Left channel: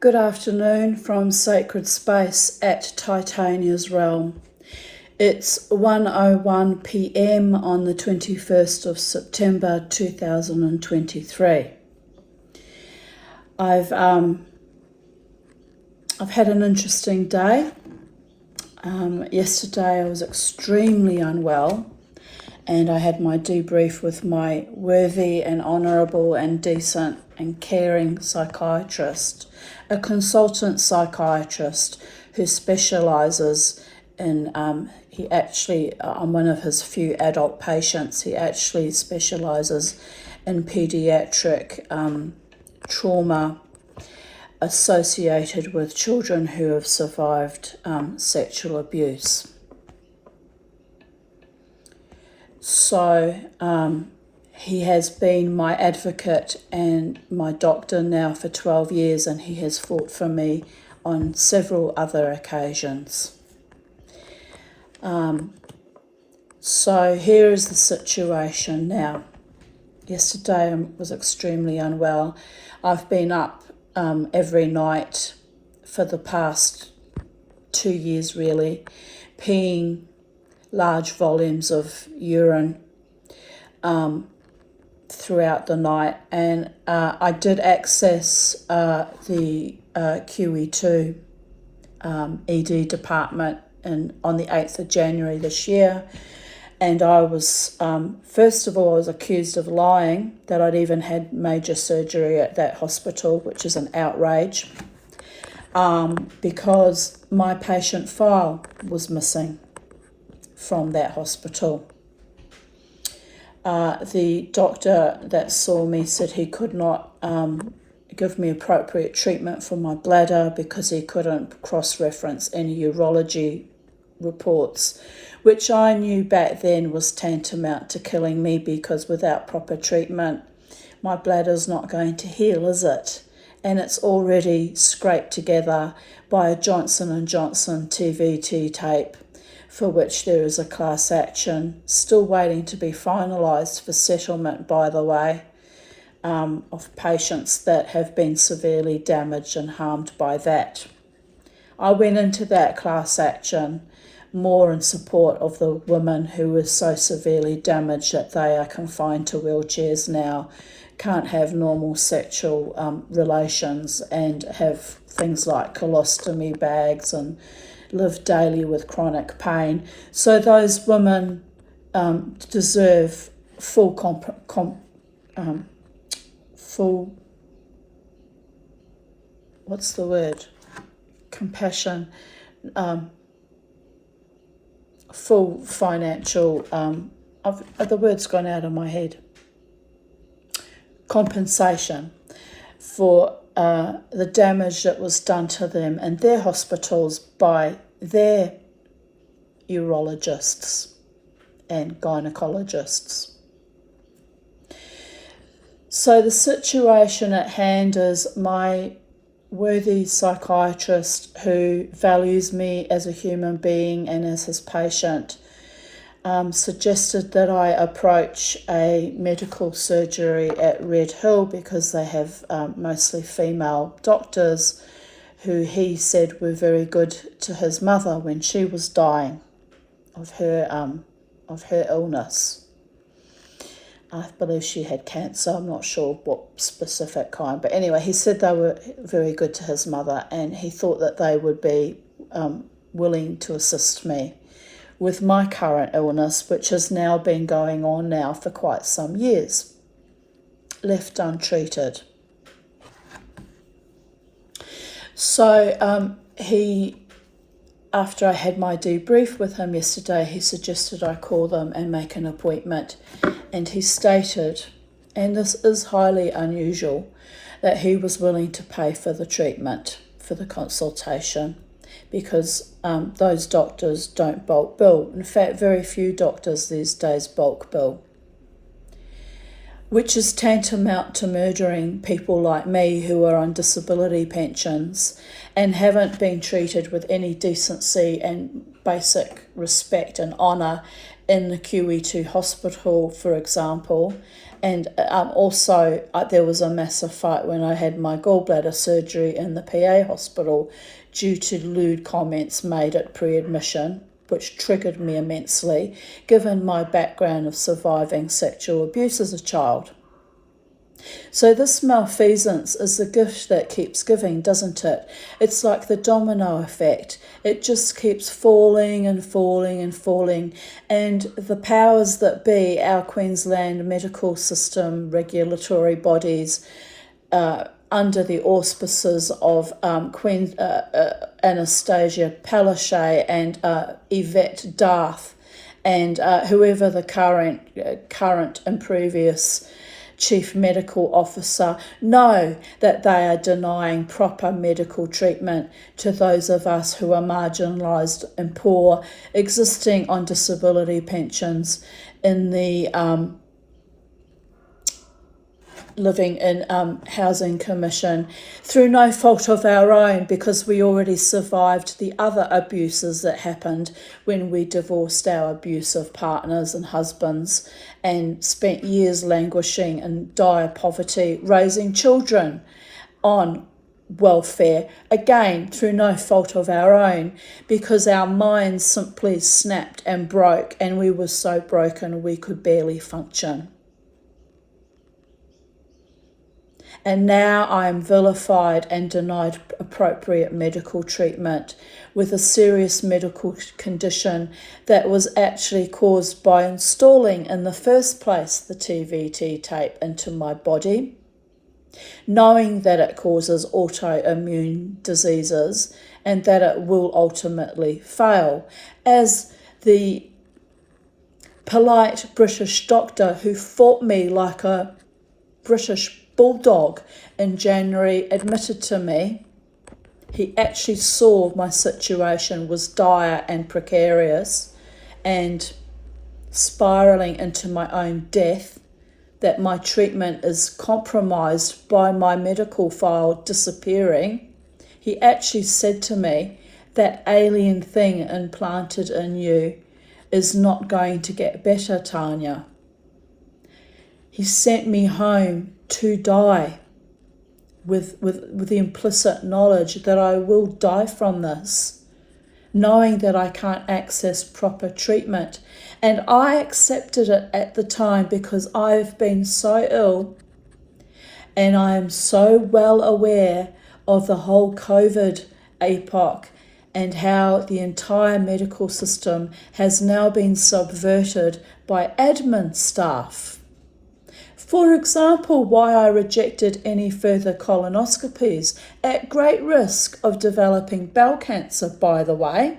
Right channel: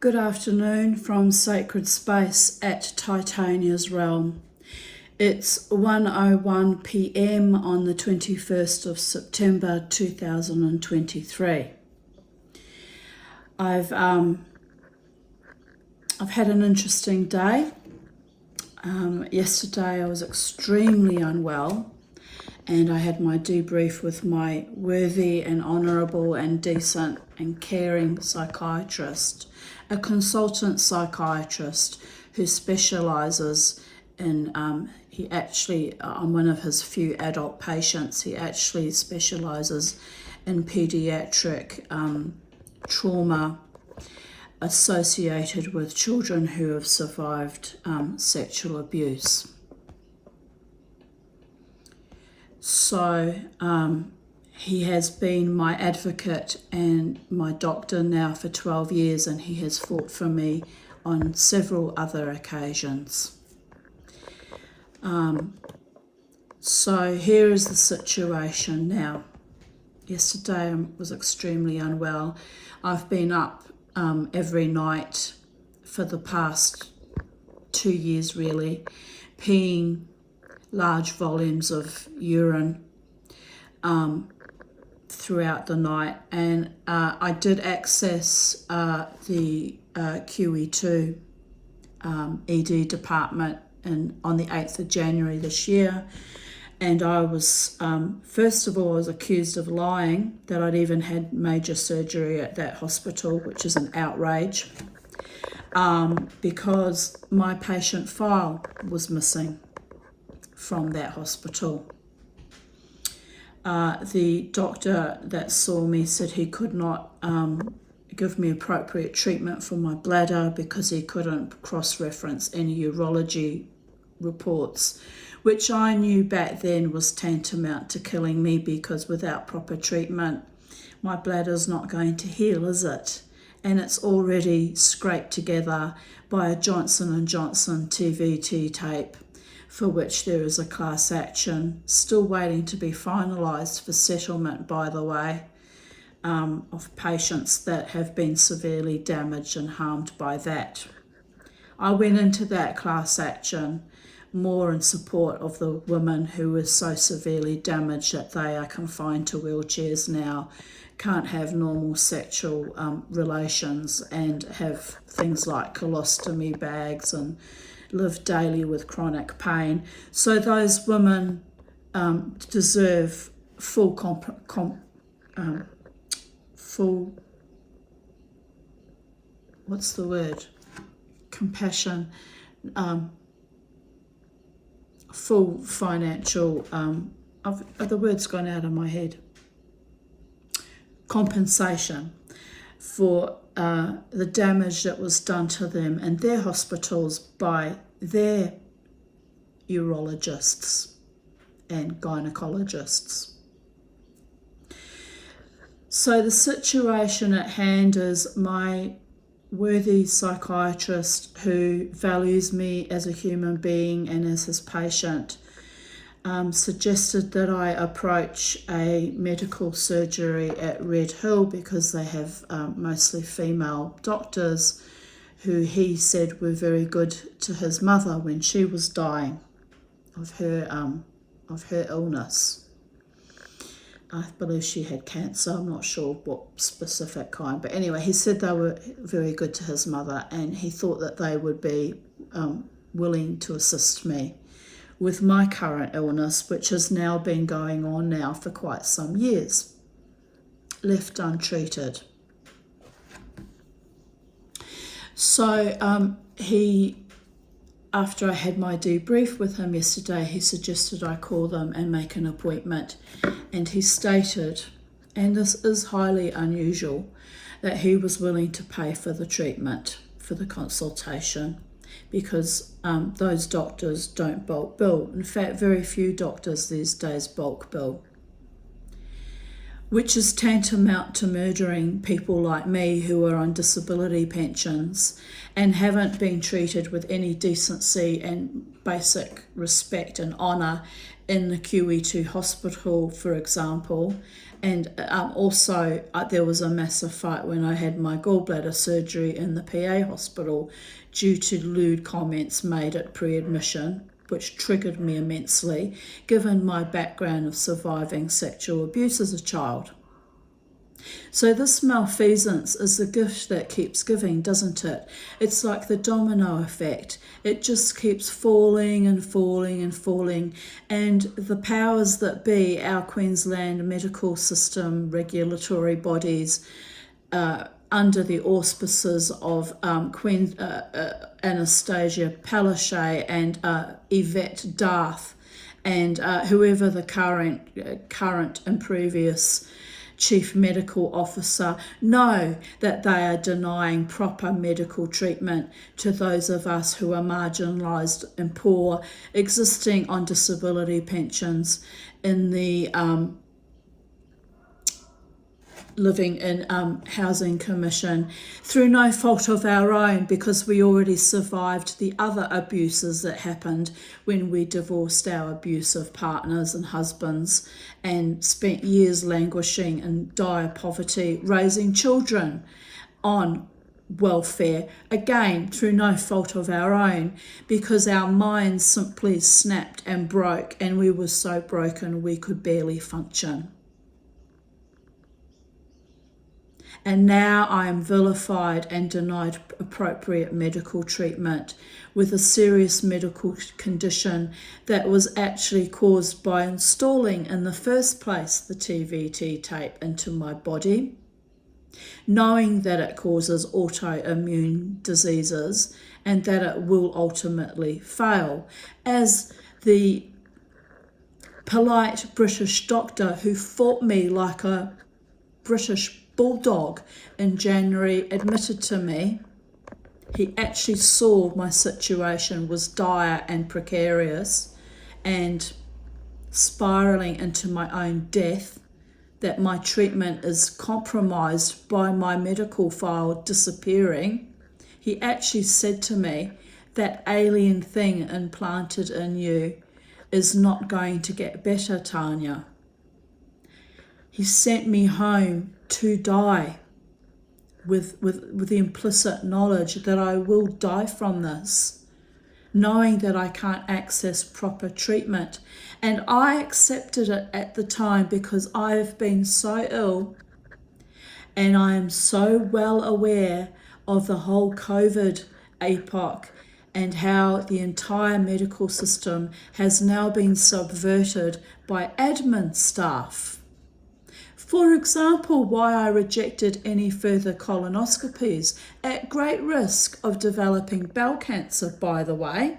Good afternoon from Sacred Space at Tanya's Realm. It's 1:01 p.m. on the 21st of September 2023. I've had an interesting day. Yesterday I was extremely unwell, and I had my debrief with my worthy and honourable and decent and caring psychiatrist, a consultant psychiatrist who specialises in, I'm one of his few adult patients. He actually specialises in paediatric trauma associated with children who have survived sexual abuse. So he has been my advocate and my doctor now for 12 years, and he has fought for me on several other occasions. So here is the situation now. Yesterday I was extremely unwell. I've been up every night for the past 2 years really, peeing large volumes of urine throughout the night, and I did access the QE2 ED department on the 8th of January this year, and I was, first of all, I was accused of lying that I'd even had major surgery at that hospital, which is an outrage, because my patient file was missing from that hospital. The doctor that saw me said he could not give me appropriate treatment for my bladder because he couldn't cross-reference any urology reports, which I knew back then was tantamount to killing me, because without proper treatment, my bladder's not going to heal, is it? And it's already scraped together by a Johnson & Johnson TVT tape, for which there is a class action still waiting to be finalised for settlement, by the way, of patients that have been severely damaged and harmed by that. I went into that class action more in support of the women who were so severely damaged that they are confined to wheelchairs now, can't have normal sexual relations, and have things like colostomy bags and live daily with chronic pain. So those women deserve full compassion, full financial, the word's gone out of my head, compensation for the damage that was done to them and their hospitals by their urologists and gynecologists. So the situation at hand is my worthy psychiatrist, who values me as a human being and as his patient, suggested that I approach a medical surgery at Red Hill, because they have mostly female doctors who he said were very good to his mother when she was dying of her illness. I believe she had cancer. I'm not sure what specific kind, but anyway, he said they were very good to his mother, and he thought that they would be willing to assist me with my current illness, which has now been going on now for quite some years, left untreated. So after I had my debrief with him yesterday, he suggested I call them and make an appointment. And he stated, and this is highly unusual, that he was willing to pay for the treatment, for the consultation, because those doctors don't bulk bill. In fact, very few doctors these days bulk bill, which is tantamount to murdering people like me who are on disability pensions and haven't been treated with any decency and basic respect and honour in the QE2 hospital, for example. And also there was a massive fight when I had my gallbladder surgery in the PA hospital due to lewd comments made at pre-admission, which triggered me immensely, given my background of surviving sexual abuse as a child. So this malfeasance is the gift that keeps giving, doesn't it? It's like the domino effect. It just keeps falling and falling and falling. And the powers that be, our Queensland medical system, regulatory bodies, under the auspices of Queen Anastasia Palaszczuk and Yvette Darth, and whoever the current and previous Chief Medical Officer, know that they are denying proper medical treatment to those of us who are marginalised and poor, existing on disability pensions in the living in Housing Commission through no fault of our own, because we already survived the other abuses that happened when we divorced our abusive partners and husbands and spent years languishing in dire poverty, raising children on welfare, again through no fault of our own, because our minds simply snapped and broke, and we were so broken we could barely function. And now I am vilified and denied appropriate medical treatment with a serious medical condition that was actually caused by installing in the first place the TVT tape into my body, knowing that it causes autoimmune diseases and that it will ultimately fail, as the polite British doctor who fought me like a British bulldog in January admitted to me. He actually saw my situation was dire and precarious and spiralling into my own death, that my treatment is compromised by my medical file disappearing. He actually said to me, that alien thing implanted in you is not going to get better, Tanya. He sent me home to die with the implicit knowledge that I will die from this, knowing that I can't access proper treatment. And I accepted it at the time because I've been so ill, and I am so well aware of the whole COVID epoch and how the entire medical system has now been subverted by admin staff. For example, why I rejected any further colonoscopies, at great risk of developing bowel cancer, by the way,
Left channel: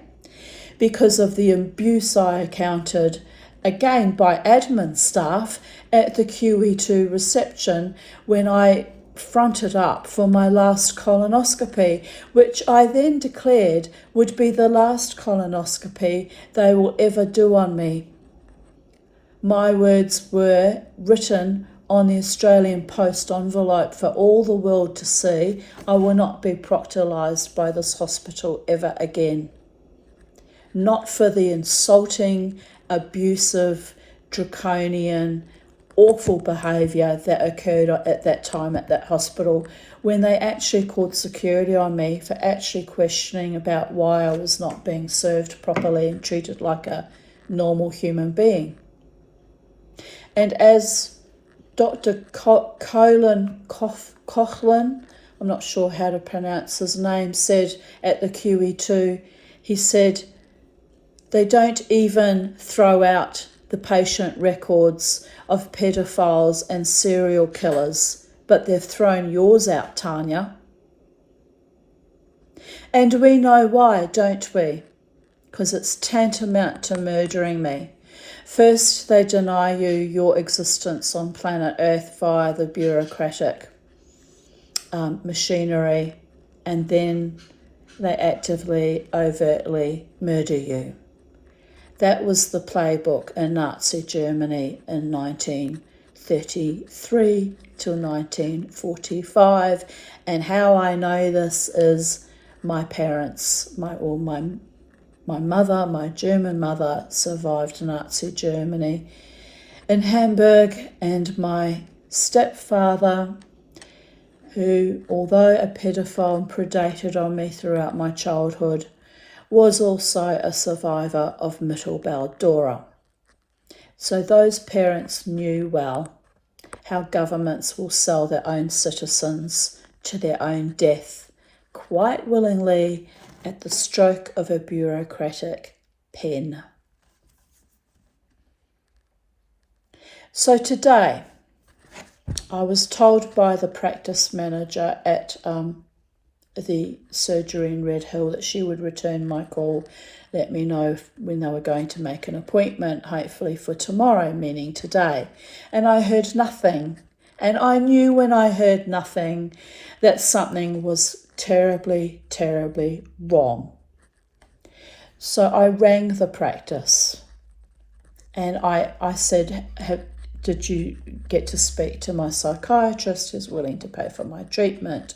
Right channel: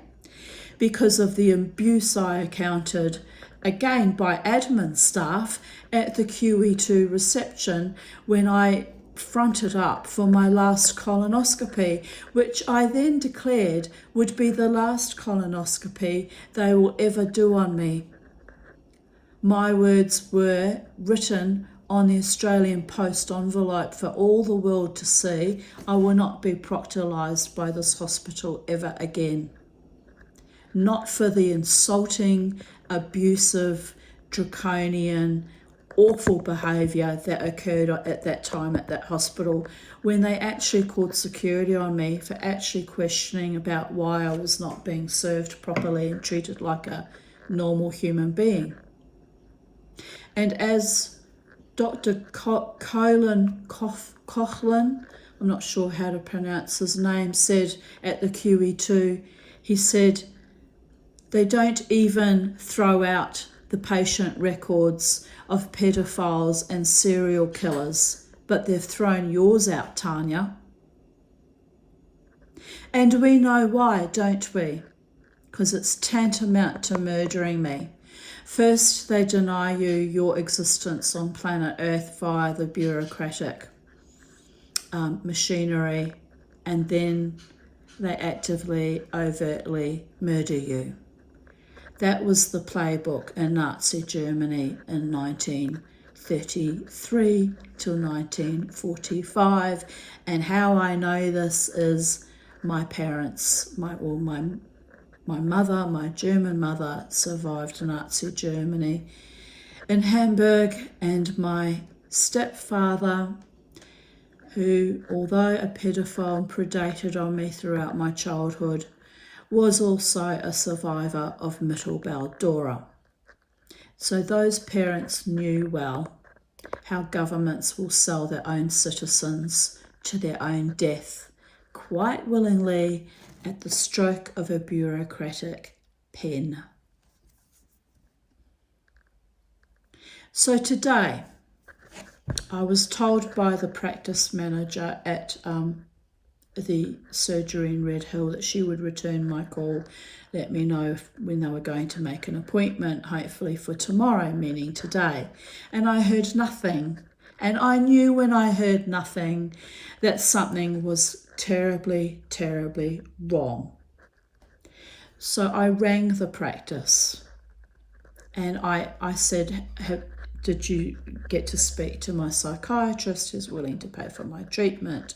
because of the abuse I encountered, again by admin staff, at the QE2 reception when I fronted up for my last colonoscopy, which I then declared would be the last colonoscopy they will ever do on me. My words were written on the Australian Post envelope for all the world to see. I will not be proctorised by this hospital ever again. Not for the insulting, abusive, draconian, awful behaviour that occurred at that time at that hospital, when they actually called security on me for actually questioning about why I was not being served properly and treated like a normal human being. And as Dr. Colin Coughlin, I'm not sure how to pronounce his name, said at the QE2, he said, they don't even throw out the patient records of pedophiles and serial killers, but they've thrown yours out, Tanya. And we know why, don't we? Because it's tantamount to murdering me. First, they deny you your existence on planet Earth via the bureaucratic machinery, and then they actively, overtly murder you. That was the playbook in Nazi Germany in 1933 till 1945. And how I know this is my parents, my My mother, my German mother, survived Nazi Germany in Hamburg, and my stepfather, who, although a pedophile, predated on me throughout my childhood, was also a survivor of Mittelbau-Dora. So those parents knew well how governments will sell their own citizens to their own death, quite willingly at the stroke of a bureaucratic pen. So today, I was told by the practice manager at the surgery in Red Hill that she would return my call, let me know when they were going to make an appointment, hopefully for tomorrow, meaning today. And I heard nothing. And I knew when I heard nothing that something was terribly, terribly wrong. So I rang the practice and I said, did you get to speak to my psychiatrist who's willing to pay for my treatment?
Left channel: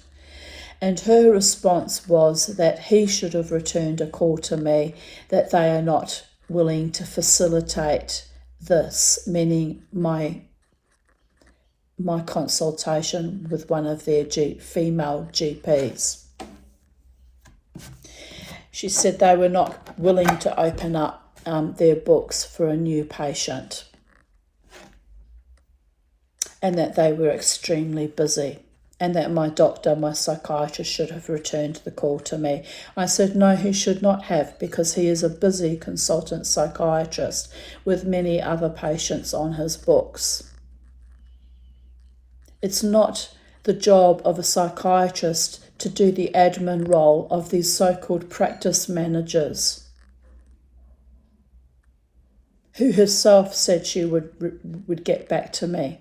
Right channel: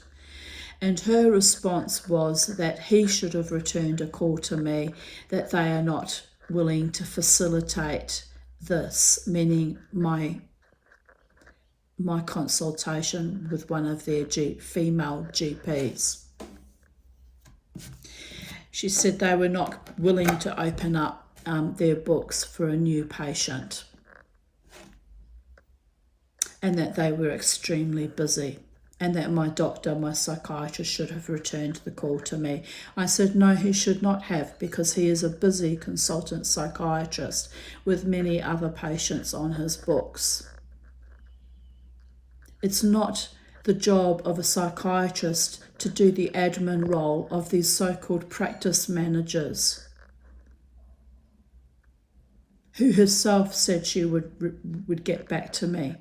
And her response was that he should have returned a call to me, that they are not willing to facilitate this, meaning my consultation with one of their female GPs. She said they were not willing to open up their books for a new patient, and that they were extremely busy, and that my doctor, my psychiatrist, should have returned the call to me. I said, no, he should not have, because he is a busy consultant psychiatrist with many other patients on his books. It's not the job of a psychiatrist to do the admin role of these so-called practice managers, who herself said she would get back to me.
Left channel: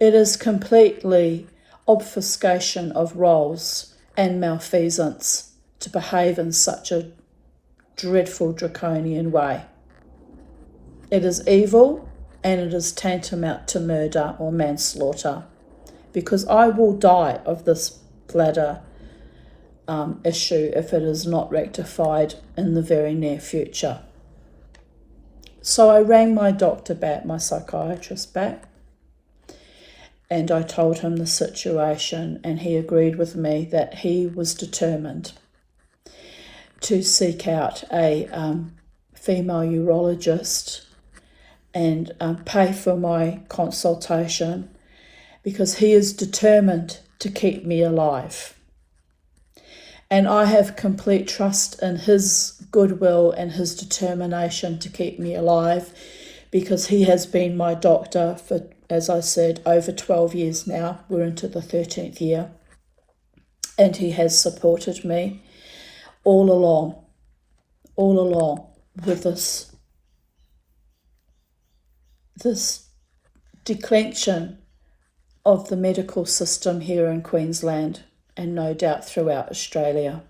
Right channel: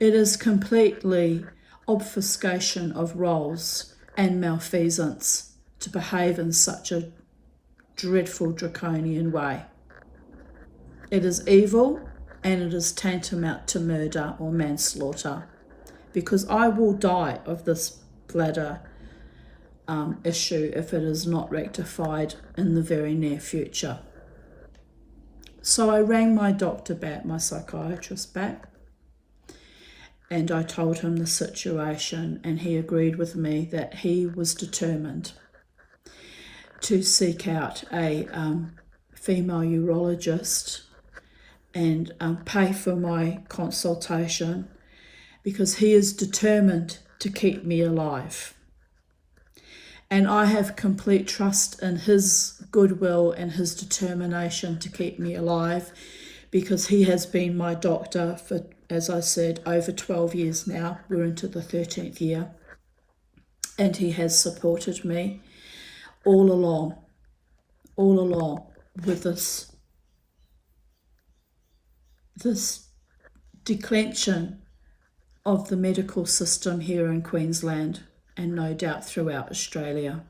It is completely obfuscation of roles and malfeasance to behave in such a dreadful, draconian way. It is evil, and it is tantamount to murder or manslaughter, because I will die of this bladder issue if it is not rectified in the very near future. So I rang my doctor back, my psychiatrist back, and I told him the situation, and he agreed with me that he was determined to seek out a female urologist and pay for my consultation, because he is determined to keep me alive. And I have complete trust in his goodwill and his determination to keep me alive, because he has been my doctor for, as I said, over 12 years now. We're into the 13th year. And he has supported me all along with this declension of the medical system here in Queensland, and no doubt throughout Australia.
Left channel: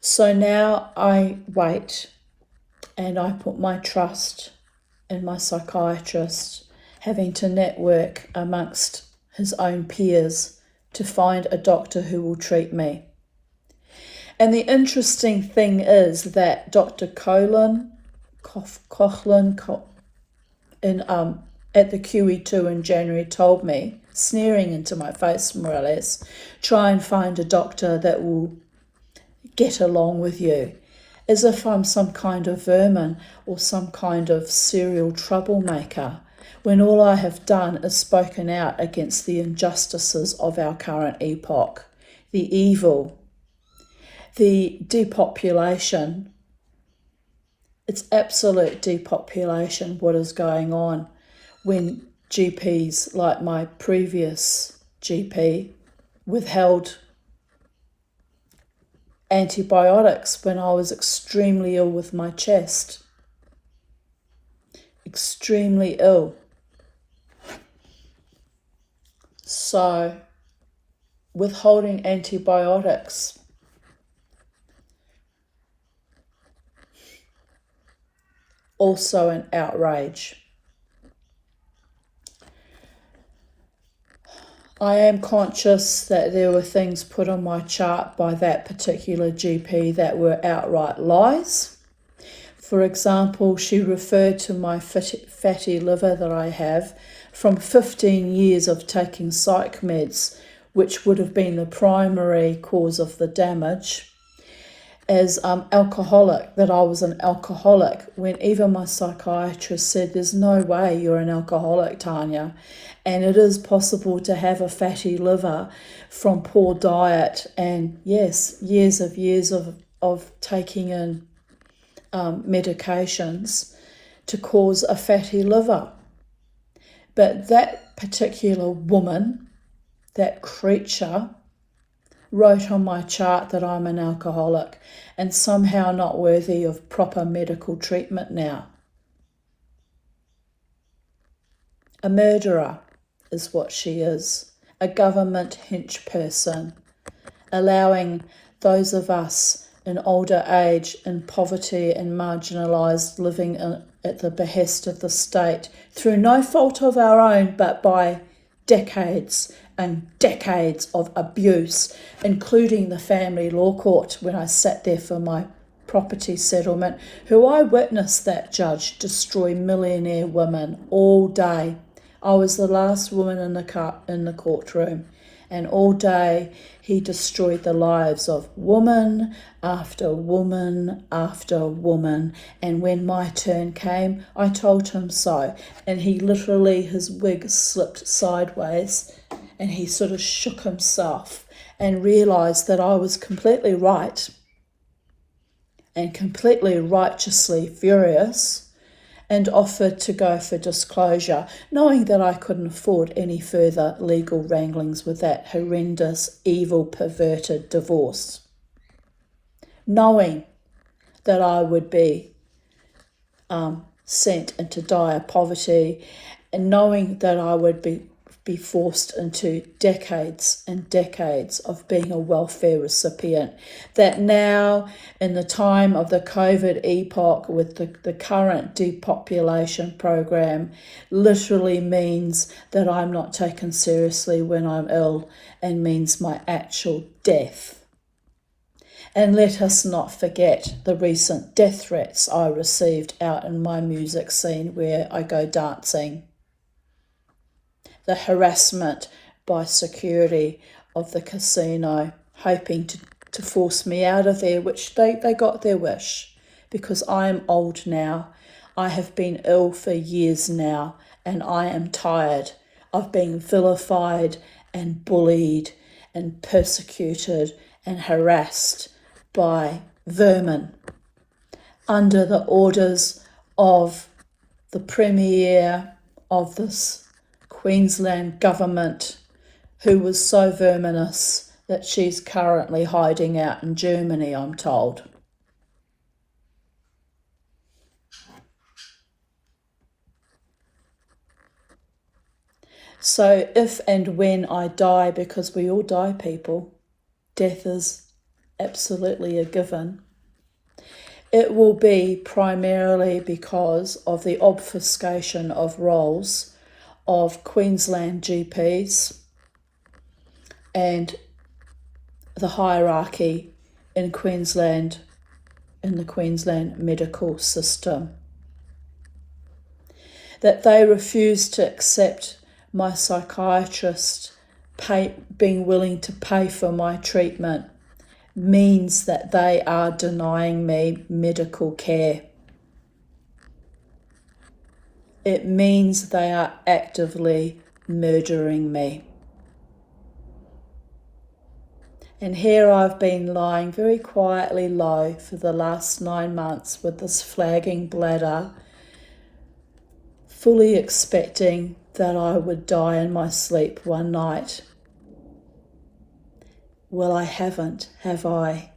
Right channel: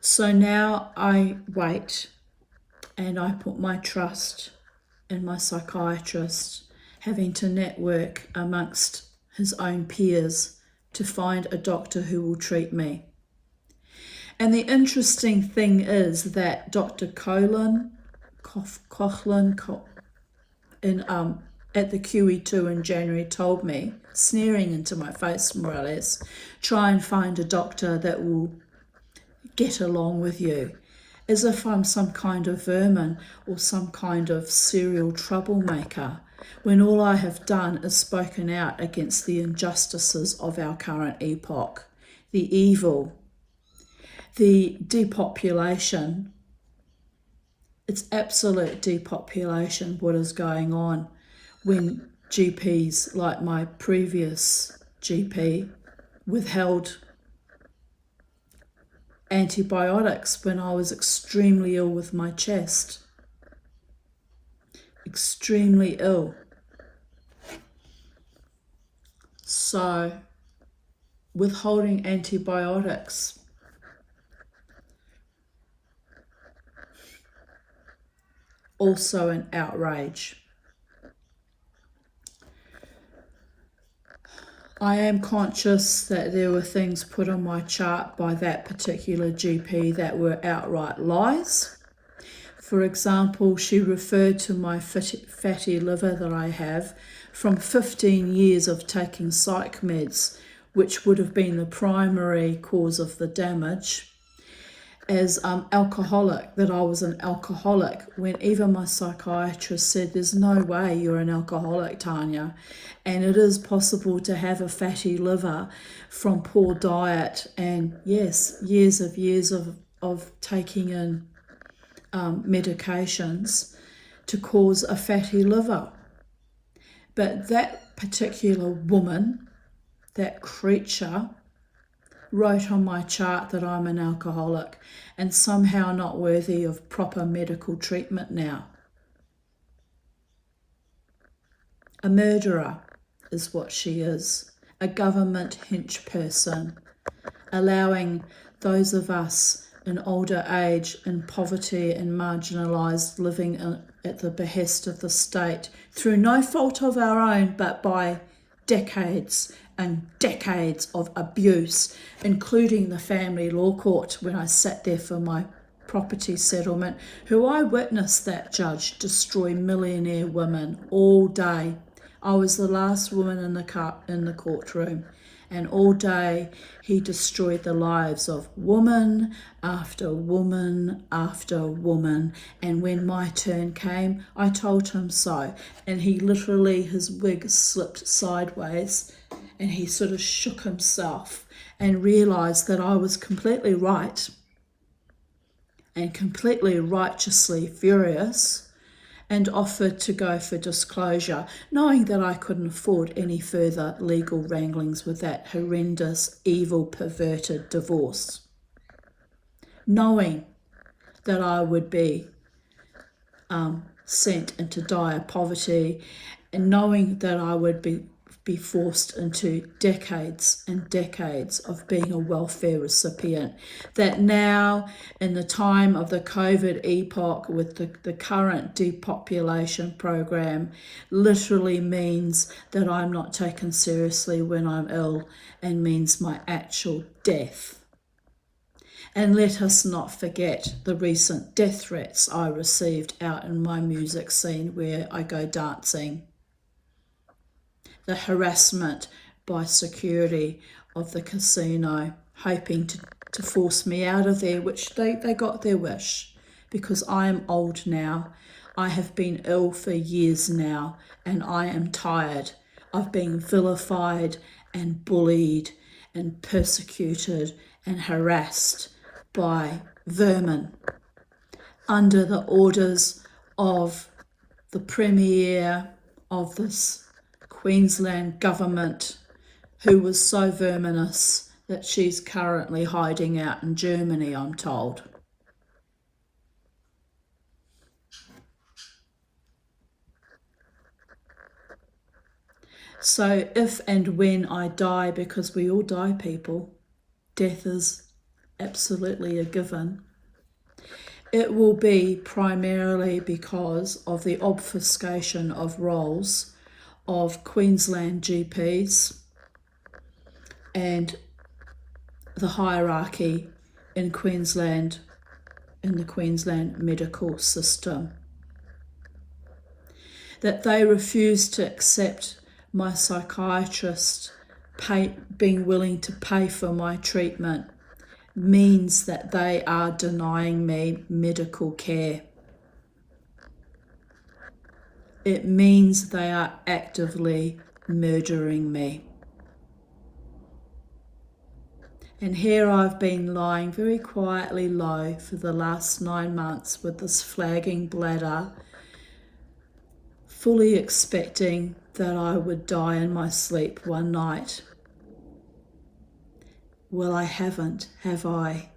So now I wait, and I put my trust in my psychiatrist, having to network amongst his own peers to find a doctor who will treat me. And the interesting thing is that Dr. Coughlin at the QE2 in January told me, sneering into my face more or less, try and find a doctor that will get along with you, as if I'm some kind of vermin or some kind of serial troublemaker, when all I have done is spoken out against the injustices of our current epoch, the evil, the depopulation. It's absolute depopulation what is going on when GPs like my previous GP withheld antibiotics when I was extremely ill with my chest. Extremely ill. So, withholding antibiotics also an outrage. I am conscious that there were things put on my chart by that particular GP that were outright lies. For example, she referred to my fatty liver that I have from 15 years of taking psych meds, which would have been the primary cause of the damage, as alcoholic, that I was an alcoholic, when even my psychiatrist said, there's no way you're an alcoholic, Tanya, and it is possible to have a fatty liver from poor diet and, yes, years of taking in medications to cause a fatty liver. But that particular woman, that creature, wrote on my chart that I'm an alcoholic and somehow not worthy of proper medical treatment now. A murderer is what she is, a government hench person, allowing those of us in older age, in poverty and marginalised, living at the behest of the state, through no fault of our own, but by decades and decades of abuse, including the family law court when I sat there for my property settlement, who I witnessed that judge destroy millionaire women all day. I was the last woman in the courtroom, and all day he destroyed the lives of woman after woman after woman. And when my turn came, I told him so. And he literally, his wig slipped sideways and he sort of shook himself and realised that I was completely right and completely righteously furious, and offered to go for disclosure, knowing that I couldn't afford any further legal wranglings with that horrendous, evil, perverted divorce. Knowing that I would be sent into dire poverty, and knowing that I would be forced into decades and decades of being a welfare recipient, that now in the time of the COVID epoch with the current depopulation program literally means that I'm not taken seriously when I'm ill and means my actual death. And let us not forget the recent death threats I received out in my music scene where I go dancing. The harassment by security of the casino, hoping to force me out of there, which they got their wish, because I am old now. I have been ill for years now, and I am tired of being vilified and bullied and persecuted and harassed by vermin under the orders of the Premier of this Queensland government, who was so verminous that she's currently hiding out in Germany, I'm told. So if and when I die, because we all die, people, death is absolutely a given, it will be primarily because of the obfuscation of roles of Queensland GPs and the hierarchy in Queensland, in the Queensland medical system. That they refuse to accept my psychiatrist being willing to pay for my treatment means that they are denying me medical care. It means they are actively murdering me. And here I've been lying very quietly low for the last 9 months with this flagging bladder, fully expecting that I would die in my sleep one night. Well, I haven't, have I?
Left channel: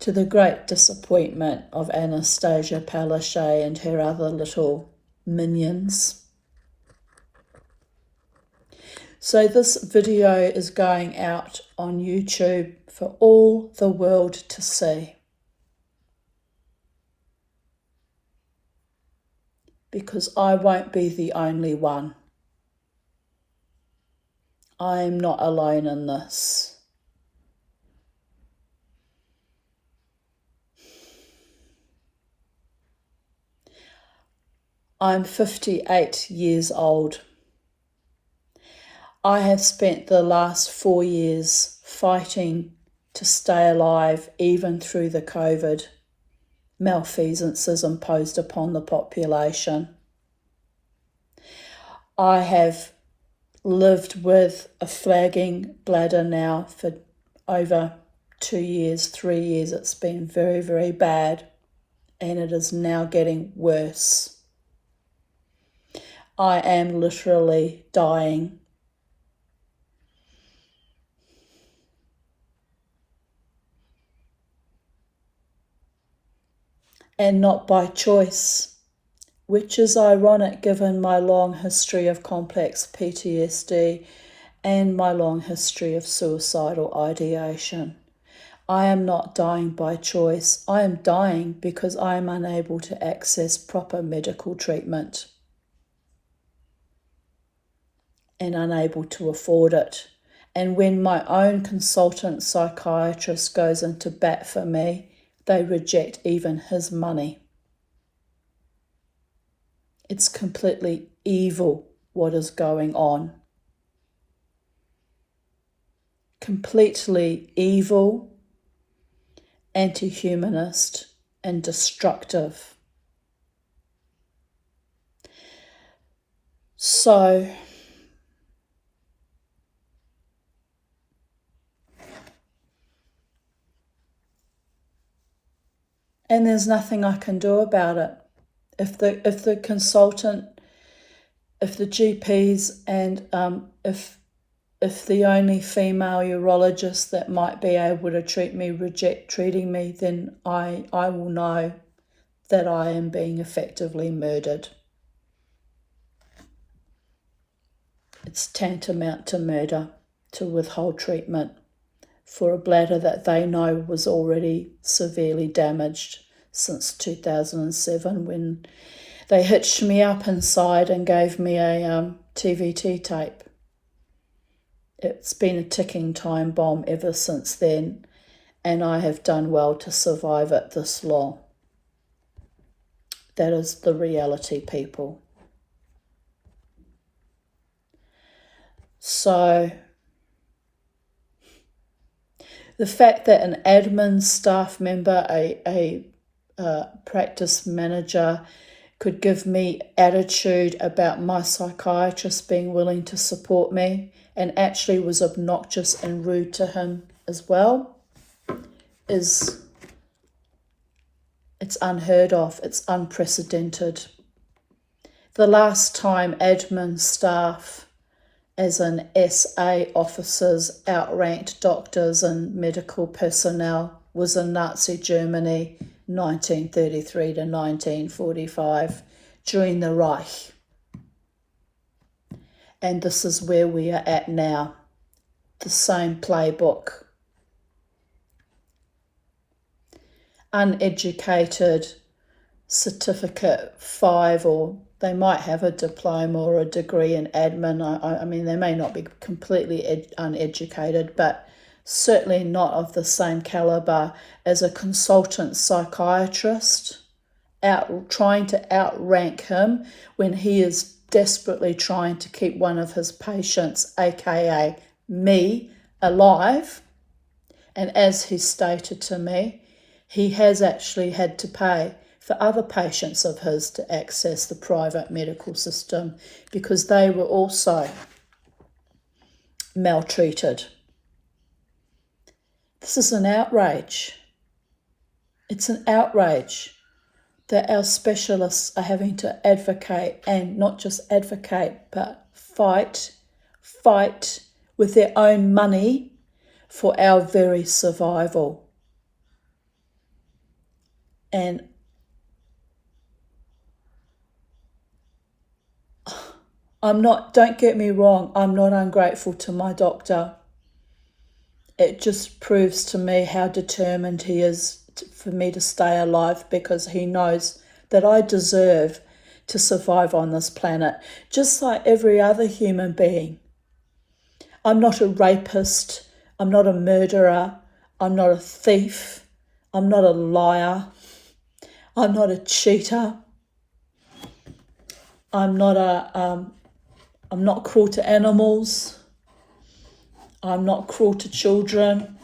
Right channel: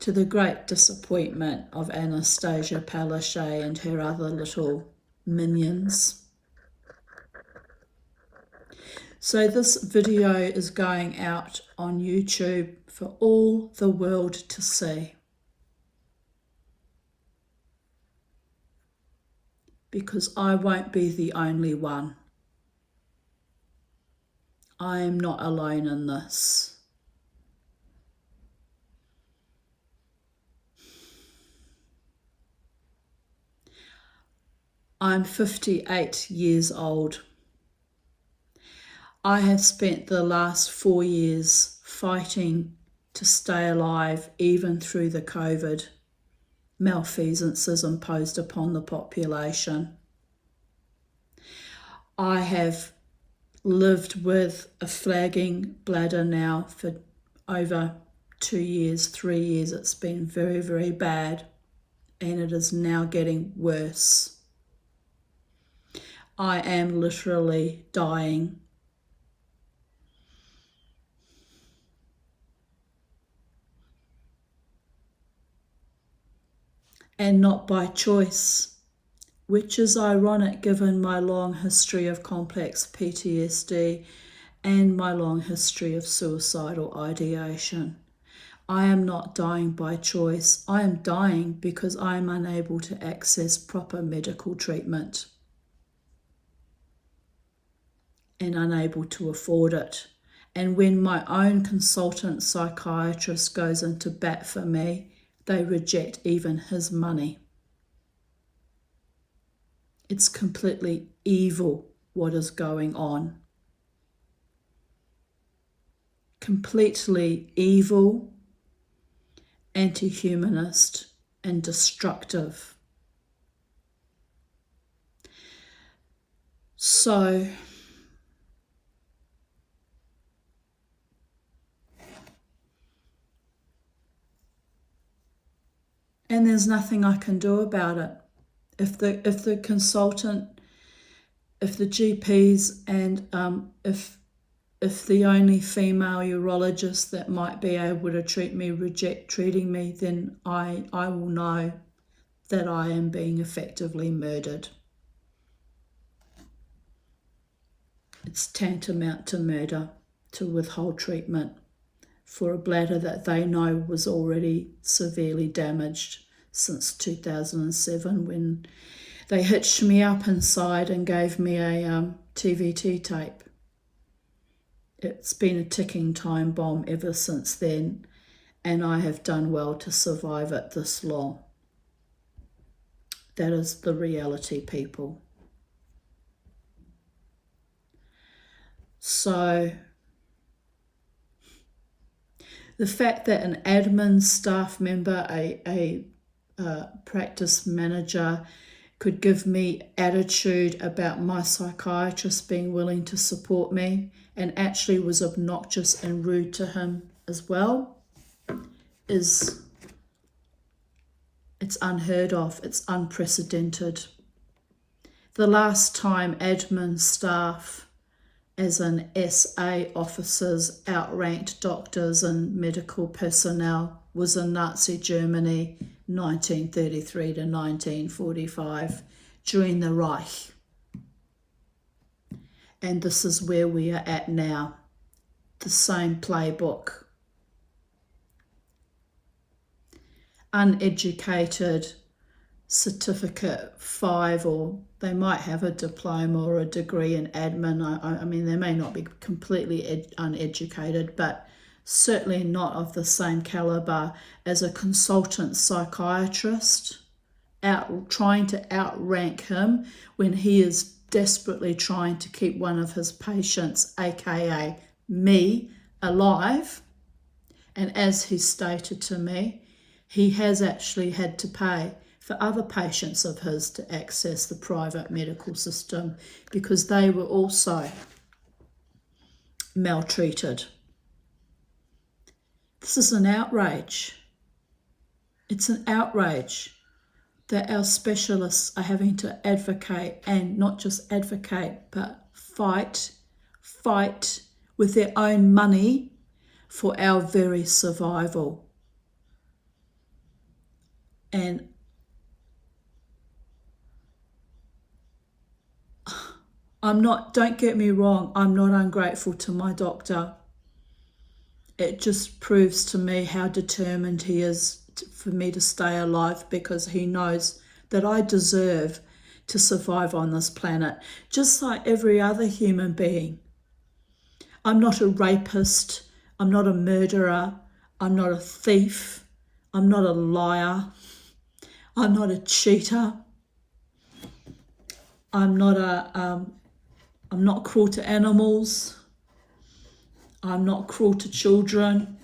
To the great disappointment of Anastasia Palaszczuk and her other little minions. So this video is going out on YouTube for all the world to see. Because I won't be the only one. I'm not alone in this. I'm 58 years old. I have spent the last 4 years fighting to stay alive, even through the COVID malfeasances imposed upon the population. I have lived with a flagging bladder now for over 2 years, 3 years. It's been very, very bad, and it is now getting worse. I am literally dying. And not by choice, which is ironic given my long history of complex PTSD and my long history of suicidal ideation. I am not dying by choice. I am dying because I am unable to access proper medical treatment and unable to afford it. And when my own consultant psychiatrist goes into bat for me, they reject even his money. It's completely evil what is going on. Completely evil, anti-humanist, and destructive. So, and there's nothing I can do about it. If the consultant, if the GPs, and if the only female urologist that might be able to treat me reject treating me, then I will know that I am being effectively murdered. It's tantamount to murder to withhold treatment for a bladder that they know was already severely damaged since 2007, when they hitched me up inside and gave me a TVT tape. It's been a ticking time bomb ever since then, and I have done well to survive it this long. That is the reality, people. So the fact that an admin staff member, a practice manager, could give me attitude about my psychiatrist being willing to support me, and actually was obnoxious and rude to him as well, it's unheard of. It's unprecedented. The last time admin staff, as in SA officers, outranked doctors and medical personnel was in Nazi Germany, 1933 to 1945, during the Reich. And this is where we are at now. The same playbook. Uneducated, certificate 5, or they might have a diploma or a degree in admin. I mean, they may not be completely uneducated, but certainly not of the same caliber as a consultant psychiatrist, trying to outrank him when he is desperately trying to keep one of his patients, aka me, alive. And as he stated to me, he has actually had to pay for other patients of his to access the private medical system because they were also maltreated. This is an outrage. It's an outrage that our specialists are having to advocate, and not just advocate, but fight with their own money for our very survival. And don't get me wrong, I'm not ungrateful to my doctor. It just proves to me how determined he is for me to stay alive, because he knows that I deserve to survive on this planet, just like every other human being. I'm not a rapist. I'm not a murderer. I'm not a thief. I'm not a liar. I'm not a cheater. I'm not cruel to animals. I'm not cruel to children.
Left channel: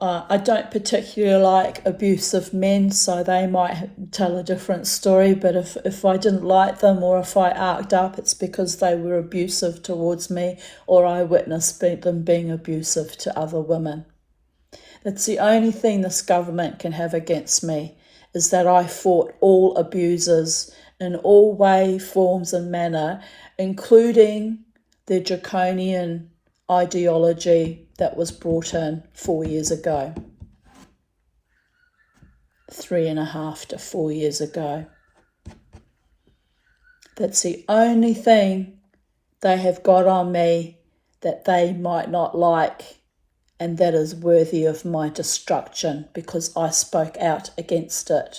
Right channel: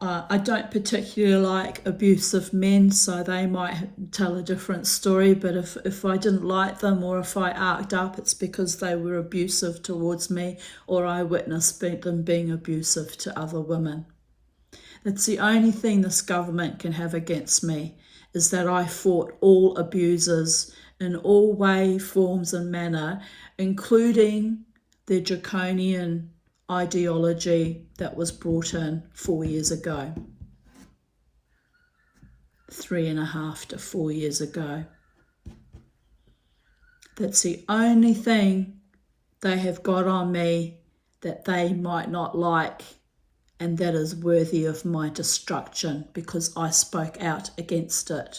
I don't particularly like abusive men, so they might tell a different story, but if I didn't like them or if I arced up, it's because they were abusive towards me or I witnessed them being abusive to other women. That's the only thing this government can have against me, is that I fought all abusers in all way, forms and manner, including the draconian ideology that was brought in 4 years ago. 3.5 to 4 years ago. That's the only thing they have got on me that they might not like, and that is worthy of my destruction because I spoke out against it.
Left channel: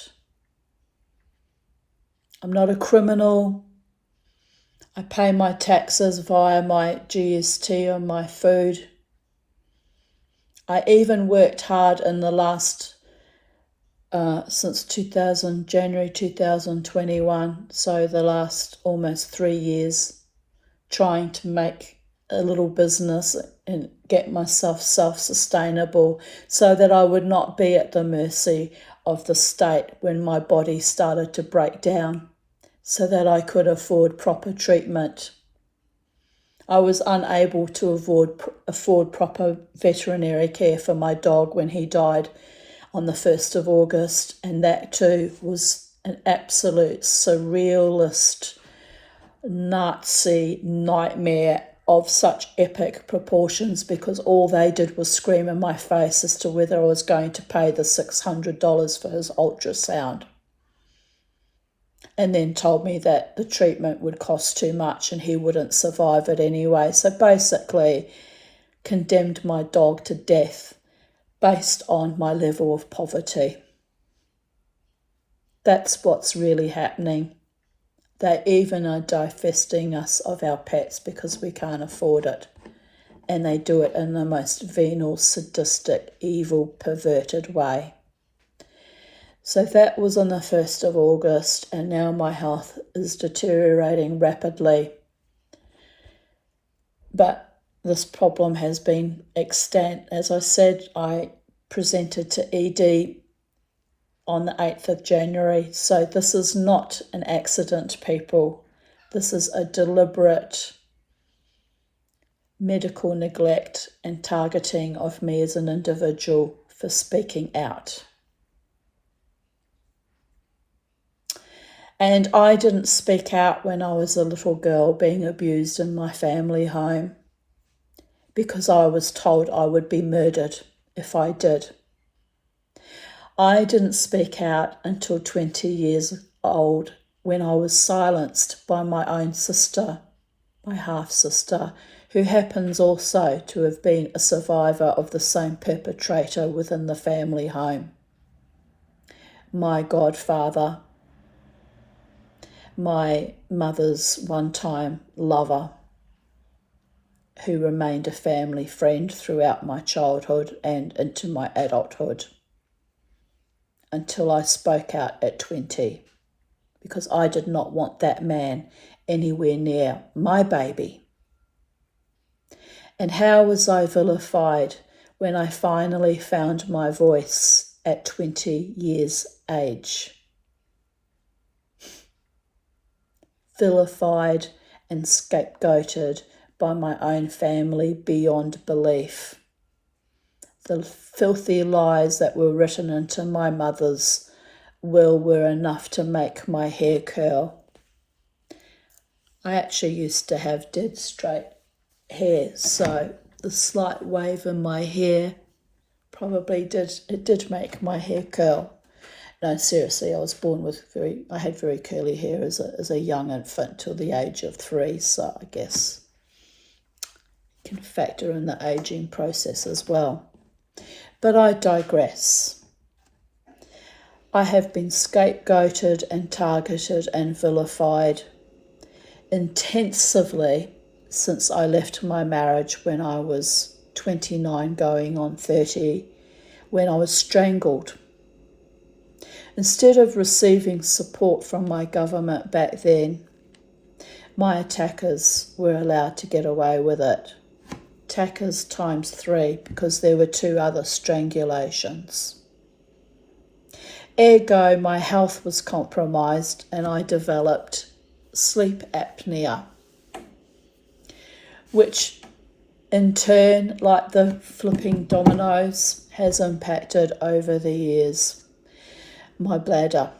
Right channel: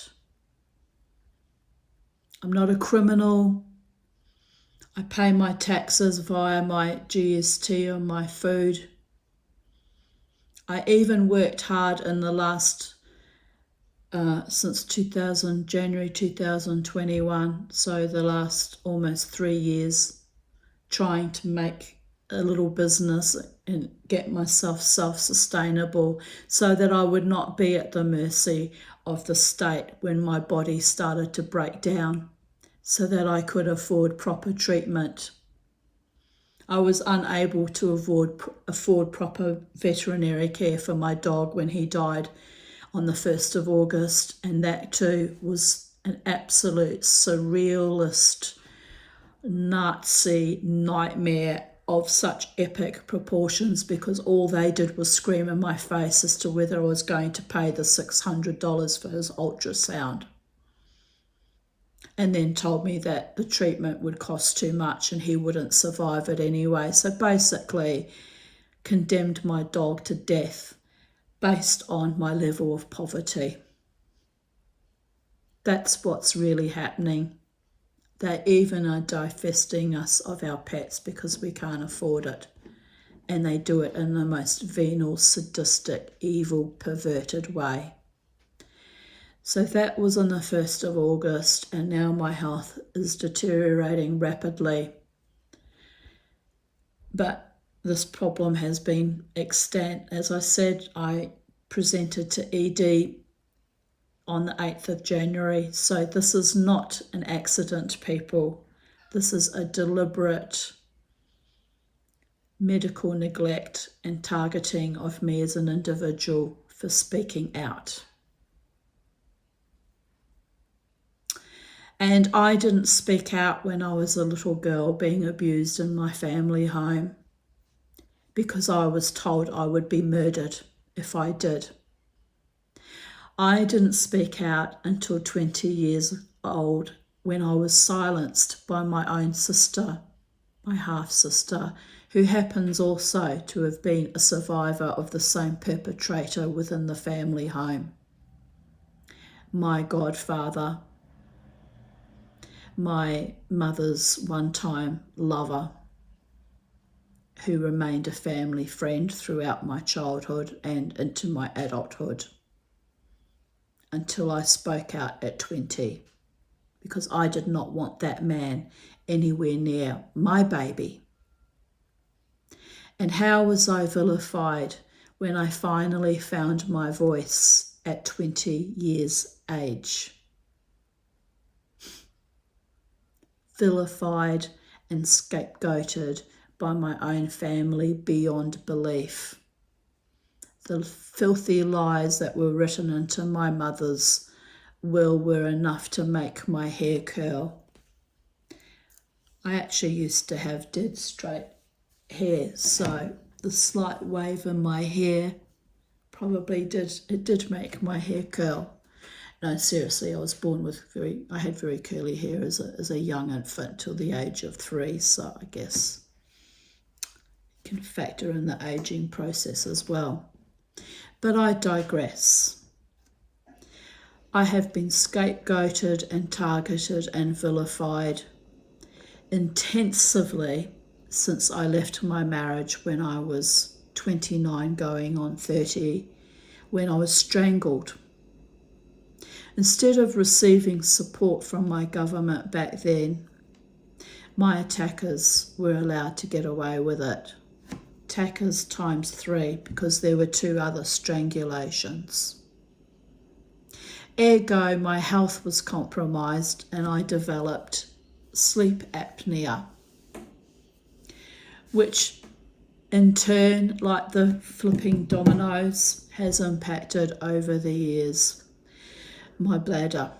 I'm not a criminal. I pay my taxes via my GST on my food. I even worked hard in the last since January 2021, so the last almost 3 years, trying to make a little business and get myself self-sustainable so that I would not be at the mercy of the state when my body started to break down, so that I could afford proper treatment. I was unable to afford proper veterinary care for my dog when he died on the 1st of August, and that too was an absolute surrealist Nazi nightmare of such epic proportions, because all they did was scream in my face as to whether I was going to pay the $600 for his ultrasound, and then told me that the treatment would cost too much and he wouldn't survive it anyway. So basically condemned my dog to death based on my level of poverty. That's what's really happening. They even are divesting us of our pets because we can't afford it. And they do it in the most venal, sadistic, evil, perverted way. So that was on the 1st of August, and now my health is deteriorating rapidly. But this problem has been extant. As I said, I presented to ED on the 8th of January. So this is not an accident, people. This is a deliberate medical neglect and targeting of me as an individual for speaking out. And I didn't speak out when I was a little girl being abused in my family home because I was told I would be murdered if I did. I didn't speak out until 20 years old, when I was silenced by my own sister, my half-sister, who happens also to have been a survivor of the same perpetrator within the family home. My godfather, my mother's one-time lover, who remained a family friend throughout my childhood and into my adulthood, until I spoke out at 20, because I did not want that man anywhere near my baby. And how was I vilified when I finally found my voice at 20 years age? Vilified and scapegoated by my own family beyond belief. The filthy lies that were written into my mother's will were enough to make my hair curl. I actually used to have dead straight hair, so the slight wave in my hair probably did make my hair curl. No, seriously, I was born with I had very curly hair as a young infant till the age of 3, so I guess you can factor in the aging process as well. But I digress. I have been scapegoated and targeted and vilified, intensively since I left my marriage when I was 29 going on 30, when I was strangled. Instead of receiving support from my government back then, my attackers were allowed to get away with it. Attackers times 3, because there were 2 other strangulations. Ergo, my health was compromised and I developed sleep apnea, which in turn, like the flipping dominoes, has impacted over the years my bladder,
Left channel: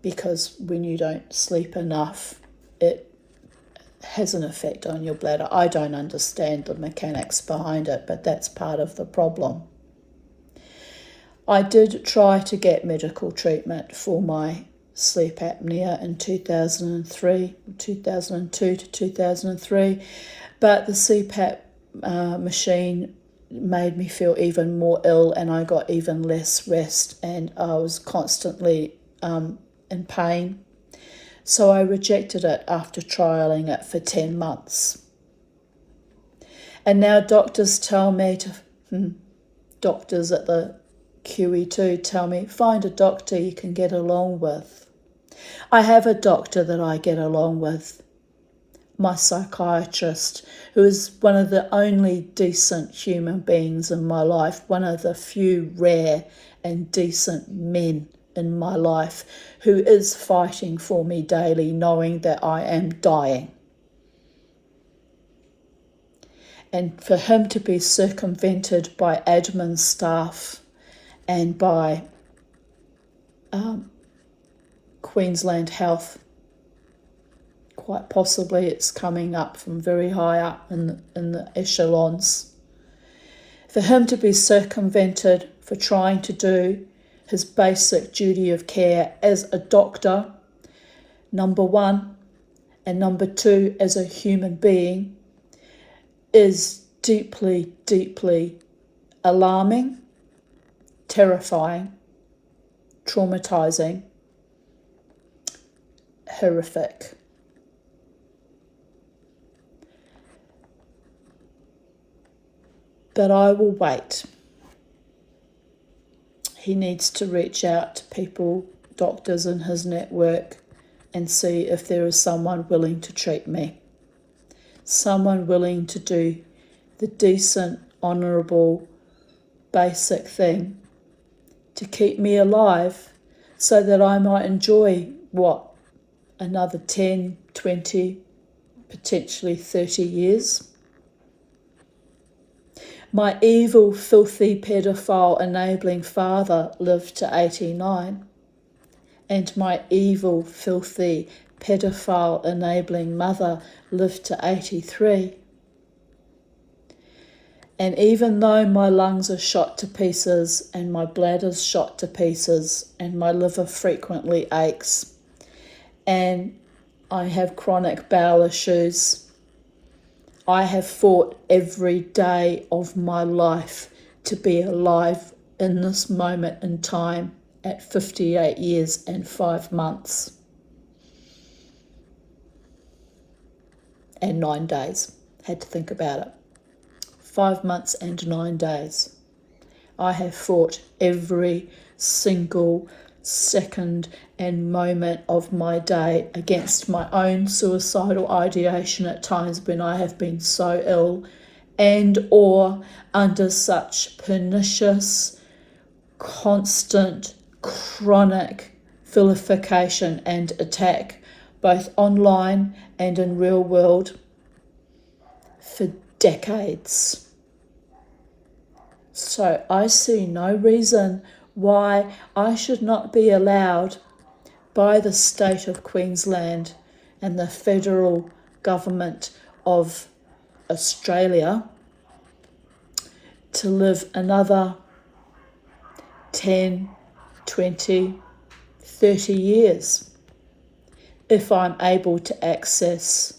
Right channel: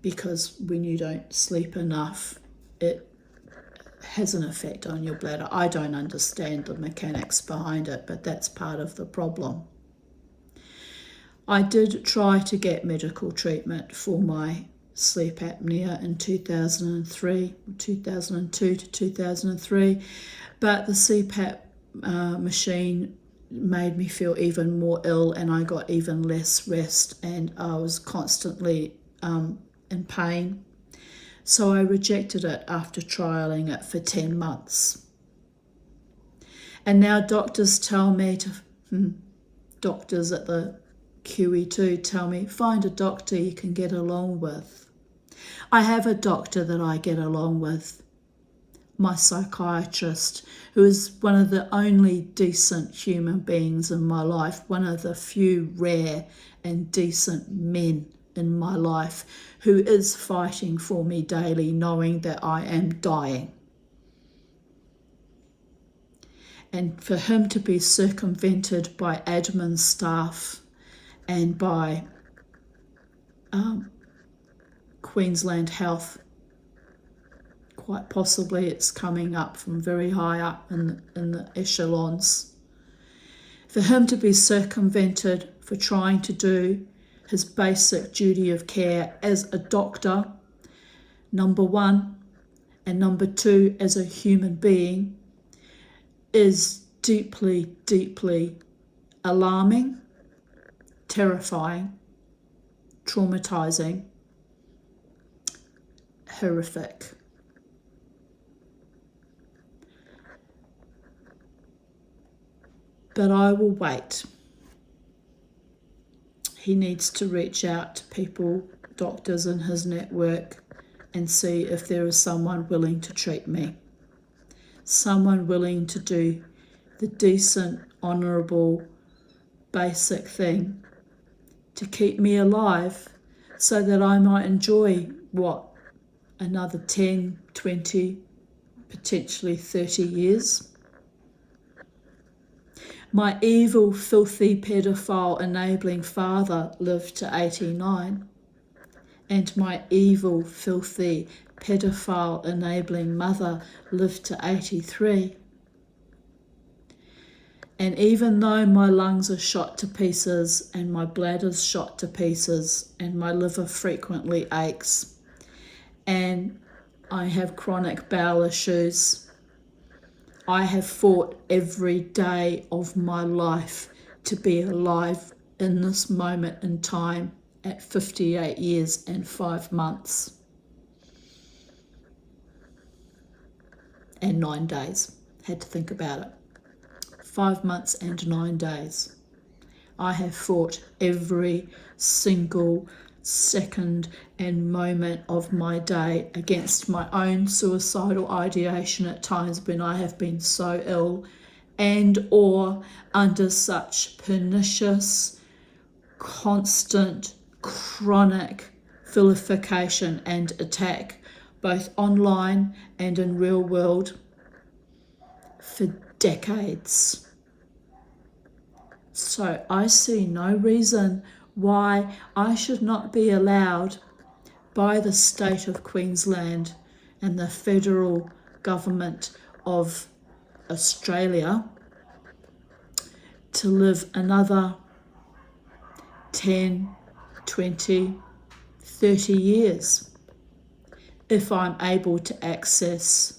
because when you don't sleep enough, it has an effect on your bladder. I don't understand the mechanics behind it, but that's part of the problem. I did try to get medical treatment for my sleep apnea in 2002 to 2003, but the CPAP machine made me feel even more ill, and I got even less rest, and I was constantly in pain. So I rejected it after trialling it for 10 months. And now doctors tell me doctors at the QE2 tell me, find a doctor you can get along with. I have a doctor that I get along with, my psychiatrist, who is one of the only decent human beings in my life, one of the few rare and decent men in my life, who is fighting for me daily, knowing that I am dying. And for him to be circumvented by admin staff and by Queensland Health, quite possibly it's coming up from very high up in the echelons. For him to be circumvented for trying to do his basic duty of care as a doctor, number 1, and number 2, as a human being, is deeply, deeply alarming, terrifying, traumatizing, horrific. But I will wait. He needs to reach out to people, doctors in his network, and see if there is someone willing to treat me. Someone willing to do the decent, honourable, basic thing to keep me alive so that I might enjoy, another 10, 20, potentially 30 years. My evil, filthy, pedophile, enabling father lived to 89, and my evil, filthy, pedophile, enabling mother lived to 83. And even though my lungs are shot to pieces, and my bladder's shot to pieces, and my liver frequently aches, and I have chronic bowel issues, I have fought every day of my life to be alive in this moment in time at 58 years and 5 months and 9 days. Had to think about it. 5 months and 9 days. I have fought every single second and moment of my day against my own suicidal ideation at times when I have been so ill and or under such pernicious, constant, chronic vilification and attack, both online and in real world, for decades. So I see no reason why I should not be allowed by the state of Queensland and the federal government of Australia to live another 10, 20, 30 years if I'm able to access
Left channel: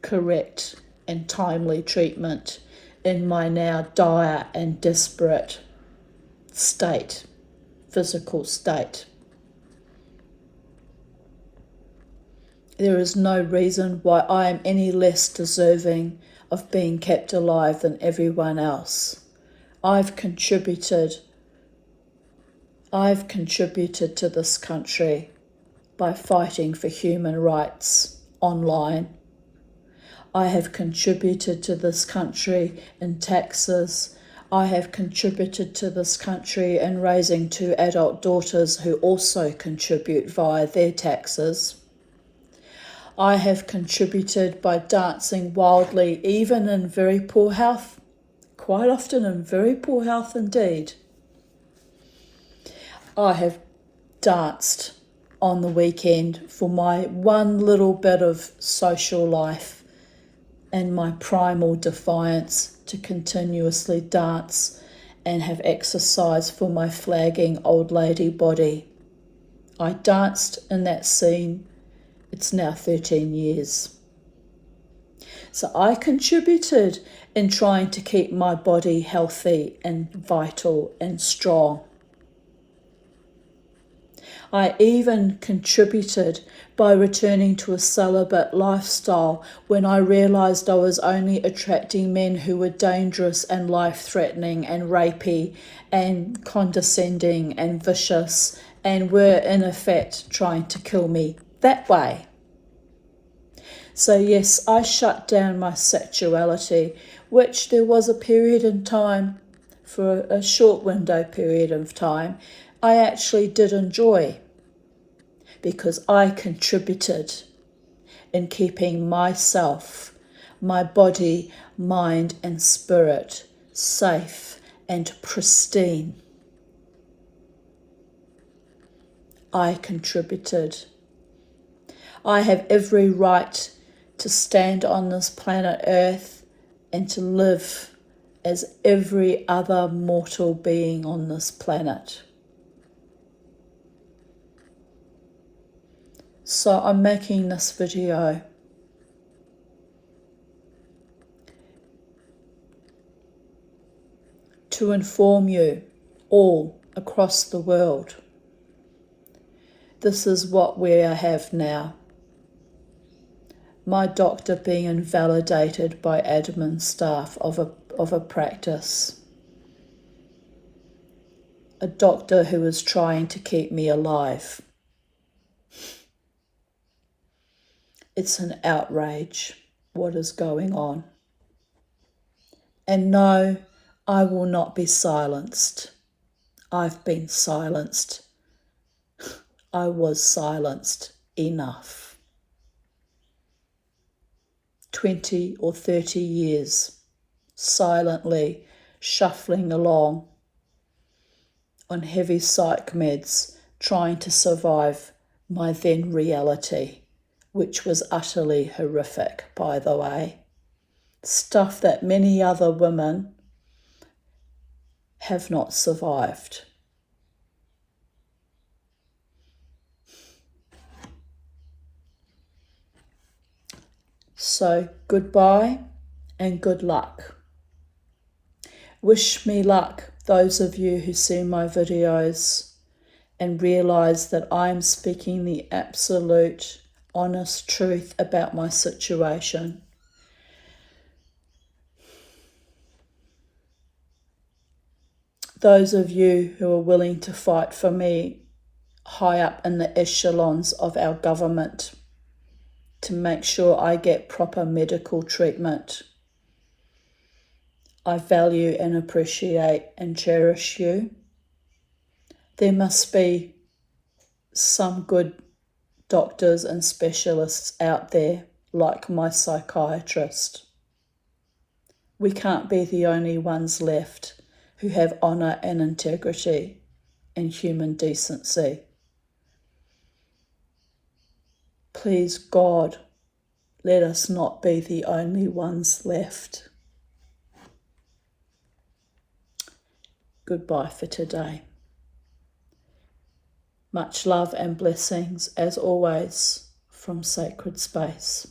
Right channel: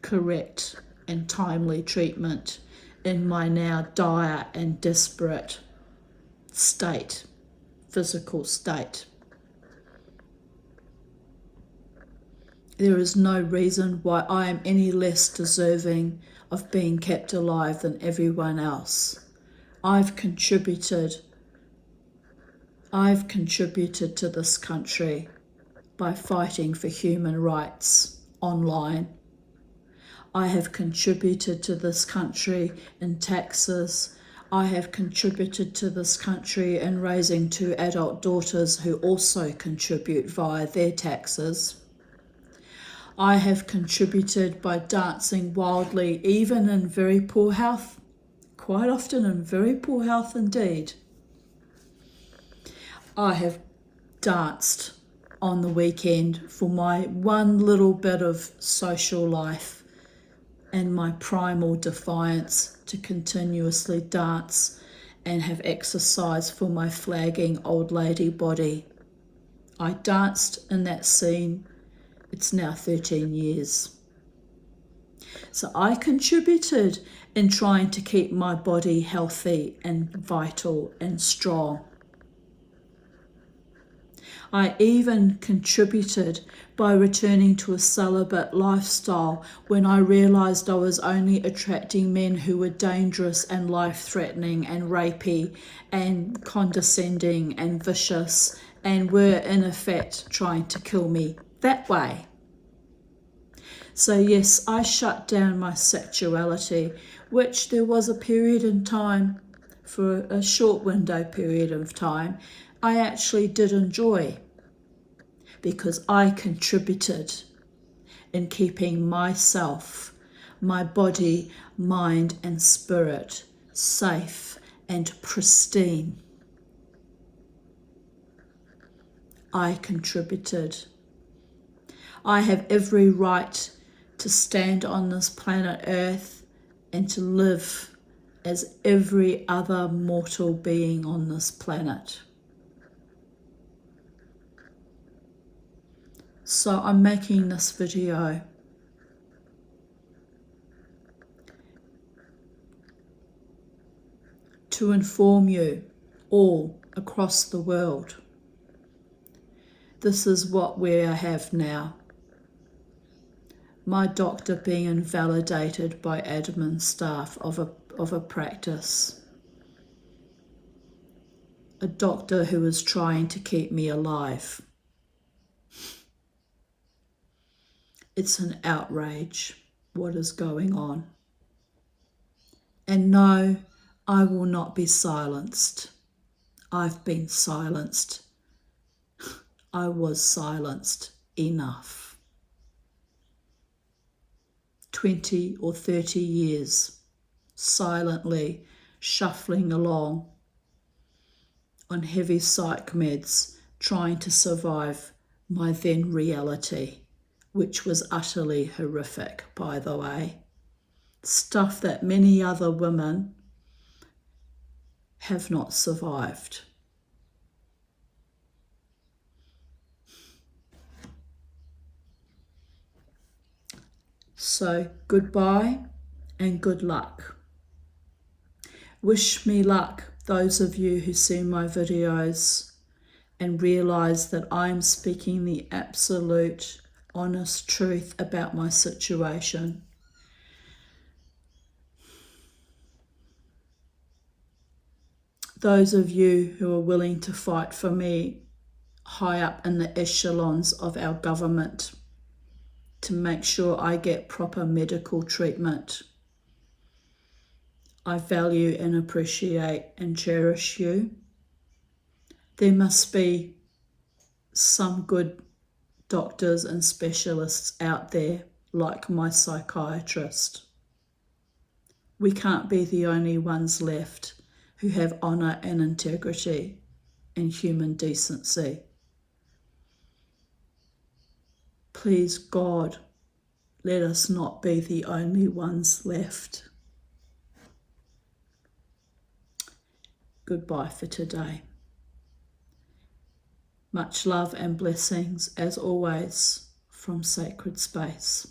correct and timely treatment in my now dire and desperate state, physical state. There is no reason why I am any less deserving of being kept alive than everyone else. I've contributed to this country by fighting for human rights online. I have contributed to this country in taxes. I have contributed to this country in raising 2 adult daughters who also contribute via their taxes. I have contributed by dancing wildly, even in very poor health, quite often in very poor health indeed. I have danced on the weekend for my one little bit of social life and my primal defiance to continuously dance and have exercise for my flagging old lady body. I danced in that scene. It's now 13 years. So I contributed in trying to keep my body healthy and vital and strong. I even contributed by returning to a celibate lifestyle when I realised I was only attracting men who were dangerous and life-threatening and rapey and condescending and vicious and were in effect trying to kill me that way. So yes, I shut down my sexuality, which there was a period in time, for a short window period of time, I actually did enjoy, because I contributed in keeping myself, my body, mind and spirit safe and pristine. I contributed. I have every right to stand on this planet Earth and to live as every other mortal being on this planet. So I'm making this video to inform you all across the world. This is what we have now. My doctor being invalidated by admin staff of a practice. A doctor who is trying to keep me alive. It's an outrage what is going on. And no, I will not be silenced. I've been silenced. I was silenced enough. 20 or 30 years, silently shuffling along on heavy psych meds, trying to survive my then reality, which was utterly horrific, by the way. Stuff that many other women have not survived. So goodbye and good luck. Wish me luck, those of you who see my videos and realise that I'm speaking the absolute, honest truth about my situation. Those of you who are willing to fight for me high up in the echelons of our government to make sure I get proper medical treatment. I value and appreciate and cherish you. There must be some good doctors and specialists out there like my psychiatrist. We can't be the only ones left who have honour and integrity and human decency. Please God, let us not be the only ones left. Goodbye for today. Much love and blessings, as always, from Sacred Space.